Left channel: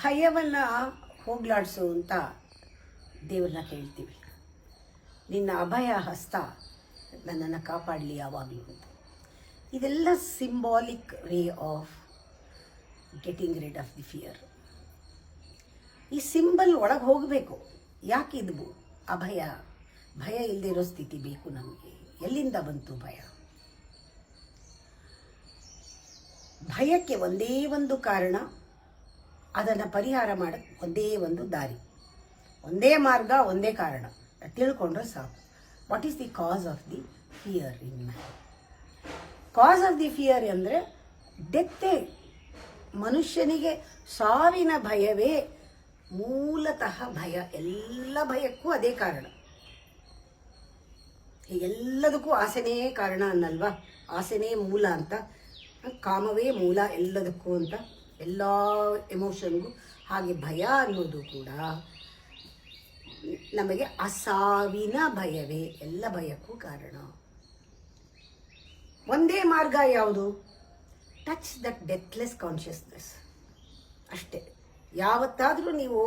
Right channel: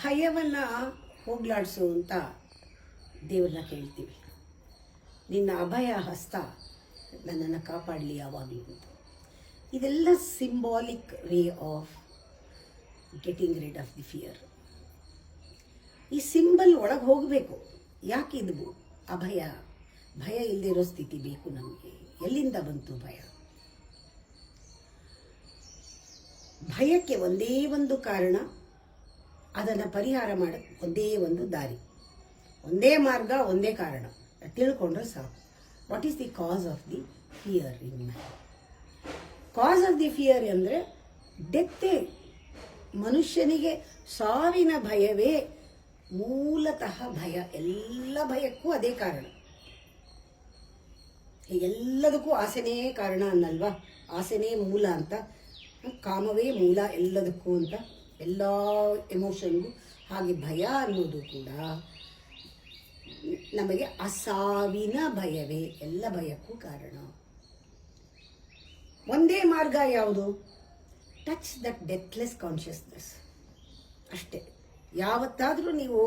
ಭಯವನ್ನು ಹೋಗ್ಲಾಡಿಸು ಅಂತ ದೇವ್ರನ್ನ ಕೇಳ್ತೀವಿ. ನಿನ್ನ ಅಭಯ ಹಸ್ತ ನನ್ನನ್ನು ಕಾಪಾಡಲಿ ಯಾವಾಗಲೂ ಅಂತ. ಇದೆಲ್ಲ symbolic way of getting rid of the fear. ಈ ಸಿಂಬಲ್ ಒಳಗೆ ಹೋಗಬೇಕು. ಯಾಕೆ ಇದು ಅಭಯ? ಭಯ ಇಲ್ಲದೆ ಇರೋ ಸ್ಥಿತಿ ಬೇಕು ನಮಗೆ. ಎಲ್ಲಿಂದ ಬಂತು ಭಯ? ಭಯಕ್ಕೆ ಒಂದೇ ಒಂದು ಕಾರಣ, ಅದನ್ನು ಪರಿಹಾರ ಮಾಡೋಕ್ಕೆ ಒಂದೇ ಒಂದು ದಾರಿ, ಒಂದೇ ಮಾರ್ಗ, ಒಂದೇ ಕಾರಣ ತಿಳ್ಕೊಂಡ್ರೆ ಸಾಕು. What is the cause of the fear in man? Cause of the fear ಅಂದರೆ ಡೆತ್ತೇ. ಮನುಷ್ಯನಿಗೆ ಸಾವಿನ ಭಯವೇ ಮೂಲತಃ ಭಯ. ಎಲ್ಲ ಭಯಕ್ಕೂ ಅದೇ ಕಾರಣ. ಎಲ್ಲದಕ್ಕೂ ಆಸೆನೇ ಕಾರಣ ಅನ್ನಲ್ವಾ? ಆಸೆನೇ ಮೂಲ ಅಂತ, ಕಾಮವೇ ಮೂಲ ಎಲ್ಲದಕ್ಕೂ ಅಂತ, ಎಲ್ಲ ಎಮೋಷನ್ಗೂ. ಹಾಗೆ ಭಯ ಅನ್ನೋದು ಕೂಡ ನಮಗೆ ಅಸಾವಿನ ಭಯವೇ ಎಲ್ಲ ಭಯಕ್ಕೂ ಕಾರಣ. ಒಂದೇ ಮಾರ್ಗ ಯಾವುದು? ಟಚ್ ದಟ್ ಡೆತ್ಲೆಸ್ ಕಾನ್ಷಿಯಸ್ನೆಸ್ ಅಷ್ಟೇ. ಯಾವತ್ತಾದರೂ ನೀವು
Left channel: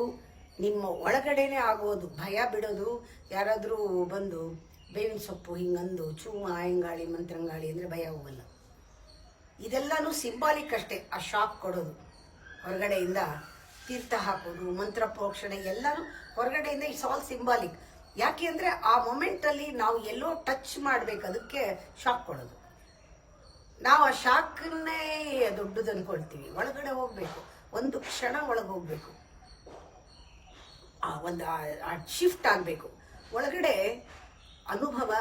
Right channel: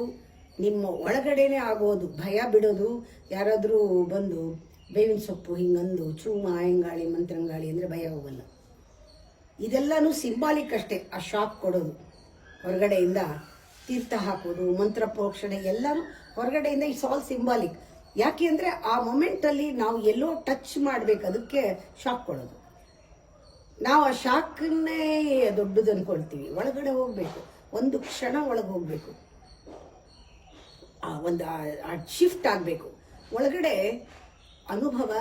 ನಿಮ್ಮ ಒಳಗಡೆನೆ ಆಗೋದು ಭಯ ಬಿಡೋದು. ಯಾರಾದರೂ ಬಂದು ಬೇವಿನ ಸೊಪ್ಪು ಹಿಂಗಂದು ಚೂಮ ಆಯಂಗಾಳಿ ಮಂತ್ರಂಗಾಳಿ ಅಂದರೆ ಭಯ ಹೋಗಲ್ಲ. ಇದೆಲ್ಲನೂ ಸಿಂಬಾಲಿಕ್ ಅಷ್ಟೇ. ಆ ಶಾಕ್ ಕೊಡೋದು ಹೊರಗಡೆಯಿಂದ, ತೀರ್ಥ ಹಾಕೋದು, ಮಂತ್ರ ಪ್ರೋಕ್ಷಣೆ ಎಲ್ಲನೂ ಹೊರಗಡೆಯಿಂದ. It's all symbolic. ಯಾಕೆ ಅಂದರೆ ಆ ಮೊಮೆಂಟಲ್ಲಿ ನಾವು ಎಲ್ಲೋ ಟಚ್ ಮಾಡಬೇಕು, ಅದಕ್ಕೆ ಶಾಕ್ ಕೊಡೋದು. ನಾವು ಆ ಶಾಕನ್ನೇ ದೊಡ್ಡದು ಅಂದ್ಕೊಳ್ತೀವಿ. ಒಳಗಡೆ ಹೋಗಬೇಕು, ಒಂದು ಕ್ಷಣ ಒಳಗೆ ಹೋಗಬೇಕು, ಆ ಶಿಫ್ಟ್ ಆಗಬೇಕು. ಒಳಗಡೆ ಅನುಭವ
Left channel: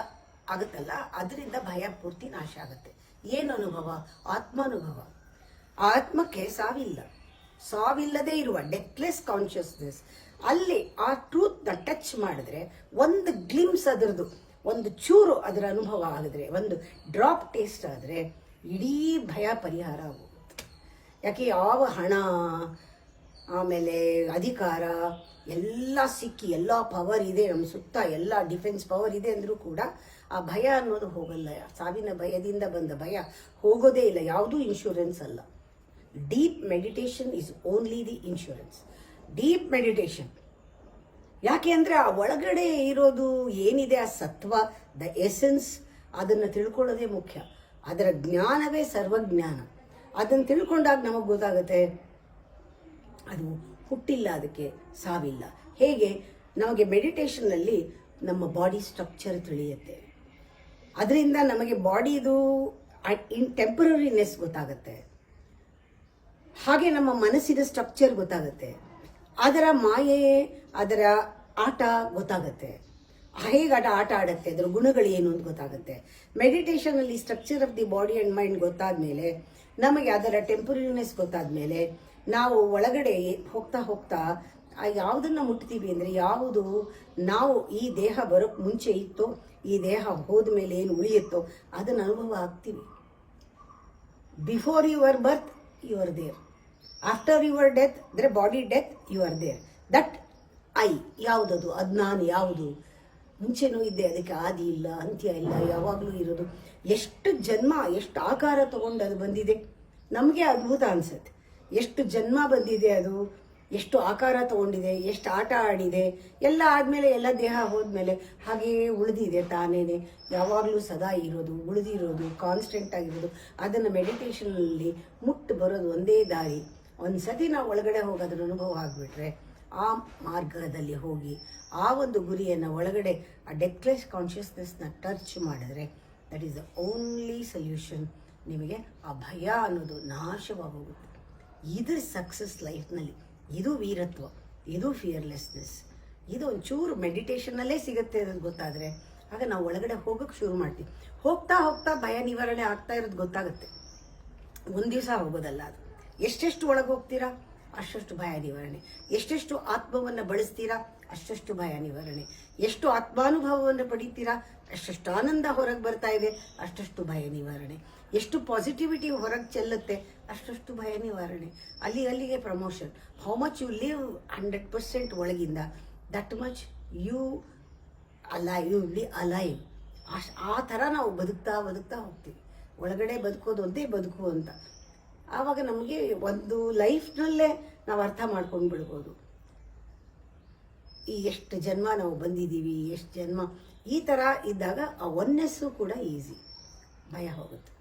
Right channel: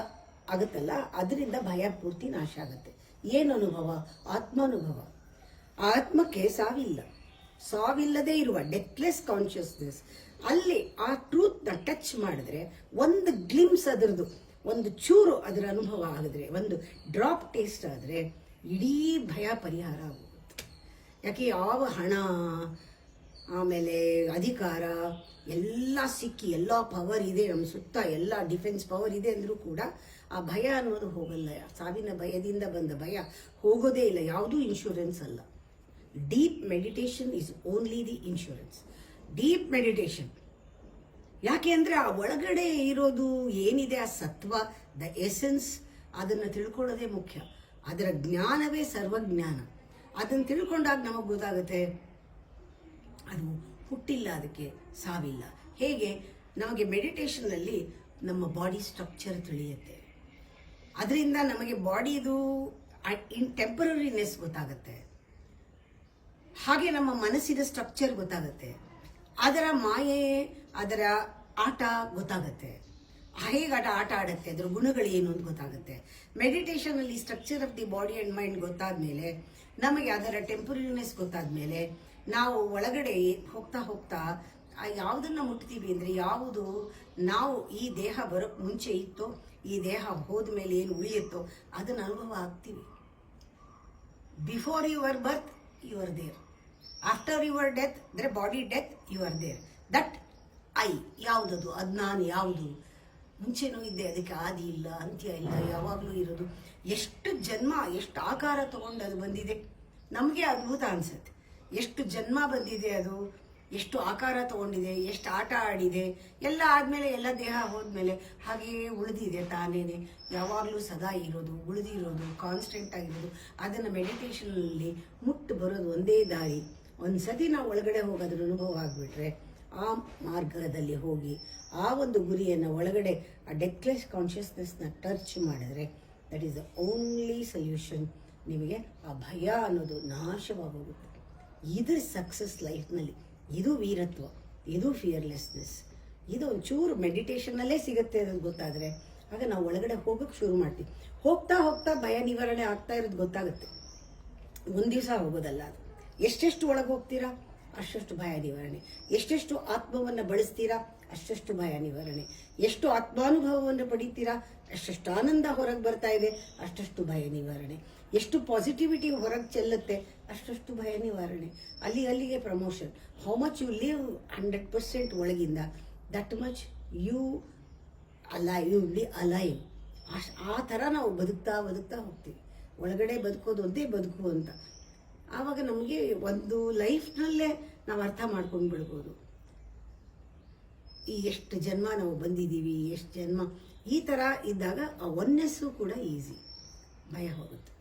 ಆಗುತ್ತಲ್ಲ, ಅದರಿಂದ ಭಯ ಪೂರ್ತಿ ನಾಶ ಆಗುತ್ತೆ. ಏನು ಅನುಭವ? ಆತ್ಮಾನುಭವ. ಆತ್ಮಕ್ಕೆ ಸಾವಿಲ್ಲ. ಸಾವಿಲ್ಲದೆ ಇರುವ ಡೆತ್ಲೆಸ್ ಕಾನ್ಷಿಯಸ್ನೆಸ್. ಅಲ್ಲಿ ಆ ಟ್ರೂತ್ನ ಟಚ್ ಮಾಡಿದ್ರೆ, ಒಂದು ಗ್ಲಿಮ್ಸ್ ಅದರದು, ಒಂದು ಚೂರು ಅದರ ಅನುಭವ ಆಗಿದ್ರೆ, ಒಂದು ಡ್ರಾಪ್ ಟೇಸ್ಟ್ ಆದರೆ ಇಡೀ ಭಯ ಪರಿಹಾರ ಆಗೋಗುತ್ತೆ. ಯಾಕೆ ಯಾವ ಹಣ, ಆಮೇಲೆ ಅಧಿಕಾರ ಎಲ್ಲ ಸಿಕ್ಕಿ, ಎಲ್ಲ ಪವರ್ ಇದೆ ನಮ್ಮ ಸುತ್ತ, ಎಲ್ಲ ಡಿಫೆನ್ಸ್ ಪವರ್ ಇದೆ ಅಂದರೂ ಕೂಡ ಆ ಭಯ ಅನ್ನೋದು ಹೋಗಲ್ಲ. ಸಾವಿನ ಭಯದಿಂದ ಬಂದ ಭಯ ಹೋಗೋದೇ ಇಲ್ಲ. ಯಾವುದೂ ಇನ್ಶೂರೆನ್ಸ್ ಅಲ್ಲ. Deep meditation is only the insurance. Deep meditation. ಯಾಕೆ ಅಂದರೆ ಆ ಒಳಗಡೆ ಇರೋದು ಏನಿದೆ, ಆ ಸತ್ವ, ದ ಎಸೆನ್ಸ್, ಅದನ್ನು ತಿಳ್ಕೊಳ್ಳೋದೇ ಮುಖ್ಯ. ಅದರ ಜ್ಞಾನವೇ ಸರ್ವಜ್ಞಾನ. ಅದನ್ನು ತಿಳ್ಕೊಂಡಾಗ ನಮಗೆ ಗೊತ್ತಾಗುತ್ತೆ ಅದು ಹುಟ್ಟಿಲ್ಲ, ಅದಕ್ಕೆ ಸಾವಿಲ್ಲ. ಹೇಗೆ? ನಮಗೆ ಮೆಡಿಟೇಷನ್ನಲ್ಲಿ ನಮ್ಮ ಬಾಡಿ ಸ್ಟ್ರಕ್ಚರ್ ತಿಳಿಯುತ್ತೆ. ಅದರಿಂದ ನಮಗೆ ಬಾಡಿದು ಟೆಂಪರರಿನೆಸ್ ಗೊತ್ತಾಗುತ್ತೆ. ಹಾಗೆ ನಮ್ಮ ಮನಸ್ಸಿನ ಸ್ಟ್ರಕ್ಚರ್ ಗೊತ್ತಾಗುತ್ತೆ. ಅದರ ಮಾಯೆ, ಅದರ ಆಟ ಗೊತ್ತಾಗುತ್ತೆ. ಹೇಗೆ ಆಟ ಆಡುತ್ತೆ, ಅದರ ಗುಣಗಳು ಏನು ಅಂತ ಗೊತ್ತಾಗುತ್ತೆ. ಮೆಡಿಟೇಷನಲ್ಲಿ structure of the body and mind ಗೊತ್ತಾದ್ಮೇಲೆ, ನಮಗೆ ಅದರ ಟೆಂಪರರಿನೆಸ್ ಗೊತ್ತಾದ್ಮೇಲೆ, ನಾವು ಒಳಗಡೆ ಹೋಗ್ತಾ ಹೋಗ್ತಾ ಯಾವುದನ್ನು ಮುಟ್ತೀವಿ ಅಂದರೆ, ಯಾವುದು ನಾವು ಈ ದೇಹ ಬರೋಕ್ಕೆ ಮುಂಚೆ ಇತ್ತೋ, ಈ ದೇಹ ಹೋದ ಮೇಲೆ ಏನು ಉಳಿಯುತ್ತೋ ಅದನ್ನು ಅನುಭವ ಆಗ್ತೀವಿ. Before your birth you are there. After your death, ಅಂದರೆ body death, you are there. That I ಯಾವುದದು? ಅದು ನಾನು ಯಾವುದು? ಮುಂಚೆನೂ ಇದ್ದೆ, ಅದಕ್ಕೆ ಆದಿ ಇಲ್ಲ, ಅಂತ್ಯ ಇಲ್ಲ, ಯಾವಾಗಲೂ ಇರೋದು. ಎಷ್ಟು ಜನ್ಮ, ಎಷ್ಟು ಆಕಾರ ತಗೊಂಡು ಅದು ಬಂದಿದೆ. ನಮಗೆ ಅದ್ಭುತ ಅನಿಸುತ್ತೆ. ಎಷ್ಟು ಜನ್ಮ ಬಂದಿದೆ, ಅದು ಎಷ್ಟು ಆಕಾರ ತಗೊಂಡಿದೆ, ಎಷ್ಟು ಆಟ ಆಡಿದೆ. ಎಲ್ಲ ಆದಮೇಲೆ, ಎಲ್ಲ ದೇಹ ಹೋದ್ಮೇಲೆ ಹಾಗೆಯೇ ಉಳಿದಿದೆ ತಾನೇನೆ. ಯಾವಾಗಲೂ ಸದಾ ಇರೋದು, ಉಳಿದಿರೋದು, ಕಾನ್ಸ್ಟೆಂಟ್ ಆಗಿರೋದು. ಅದನ್ನು ಮೆಡಿಟೇಷನಲ್ಲಿ ಮುಟ್ಟು ಬರೋದು ಒಂದೇ ದಾರಿ. ಒಂದು ಸತಿ ನಾವು ಒಳಗಡೆ ಹೋಗಿ ಅದರ ಅನುಭವ ಆಗಿಬಿಟ್ರೆ, ಆ ಮಾರ್ಗದಲ್ಲಿ ಹೋಗಿ ಆ ಒಂದು ಗುರಿಯನ್ನು ಒಳಗಡೆ ಆ ಡೆತ್ಲೆಸ್ ಕಾನ್ಷಿಯಸ್ನೆಸ್ನ ಟಚ್ ಮಾಡಿದ್ರೆ, that is the only solution. ನಿಮಗೆ ಆ ಭಯ ಅನ್ನೋದು ನಾಶವಾಗೋಗುತ್ತೆ. ಇದು ಸಕ್ಸಸ್ ಲೈಫ್ನಲ್ಲಿ. ಇದು ವೀರತ್ವ, ಇದು ಫಿಯರ್ಲೆಸ್ನೆಸ್. ಇದು ಒಂಚೂರು ಮೆಡಿಟೇಷನ್ನಲ್ಲೇ ಸಿಗುತ್ತೆ ಅನ್ನೋದು ಗೊತ್ತಾದರೆ, ಆಗ ನಾವು ಒಳಗಡೆ ಹೋಗೋಕ್ಕೆ ಶುರು ಮಾಡ್ತೀವಿ. ಹೋಗ್ತಾ ಹೋಗ್ತಾ ಭಯ ನಿವಾರಣೆ ಆಗ್ತಾ ಇರೋದು ಗೊತ್ತಾಗುತ್ತೆ. ಒಂದು ದಿವಸ ಹೋಗೋದಲ್ಲ ಅದು. ಎಷ್ಟೆಷ್ಟು ಒಳಗೆ ಹೋಗ್ತೀರಾ ಅಷ್ಟಷ್ಟು ಭಯ ನಿವಾರಣೆ. ಎಷ್ಟೆಷ್ಟು ಆತ್ಮವನ್ನು ಬಳಸ್ತೀರಾ ಅಷ್ಟಷ್ಟು ಭಯ ನಿವಾರಣೆ. ಎಷ್ಟು ಆತ್ಮಾನುಭವವನ್ನು ಪಡಿತೀರಾ ಅಷ್ಟಷ್ಟು ಆನಂದ ಹೊರಗೆ ಬರ್ತಾ ಇದೆ, ಅಷ್ಟಷ್ಟು ಭಯ ನಿವಾರಣೆ. ಎಷ್ಟು ಪಾಸಿಟಿವಿಟಿ ಹೊರಗೆ ಚೆಲ್ಲುತ್ತೆ ಅಷ್ಟಷ್ಟು ಭಯ ನಿವಾರಣೆ. ಅಲ್ಲಿಗೆ promotion. How much you live 100% ಒಳಗಿಂದ, that much you live alive. ಆ ಥರ ನಾವು ಬದುಕ್ತಾ ಹೋಗ್ತೀವಿ. ಒಳಗಡೆ ಬದುಕೋದು ಒಂದೇ ಬದುಕು ಅಂತ. ಆವಾಗ ನಮಗೆ ಒಂದು ಲೈಫ್ನಲ್ಲೇ ನಾವು ಅರ್ಥ ಮಾಡ್ಕೊಂಡು ಬಿಡ್ಬೋದು. ಈ ಎಷ್ಟು ಜನ್ಮ ನಾವು ಬಂದಿದ್ದೀವಿ, ಎಷ್ಟು ಜನ್ಮ, ಈ ಥರ ಇದ್ದಾಗ ಆ ಒನ್ನೆಸ್ಸು ಕೂಡ ಈಸಿ, ಭಯ ಹೋಗುತ್ತೆ.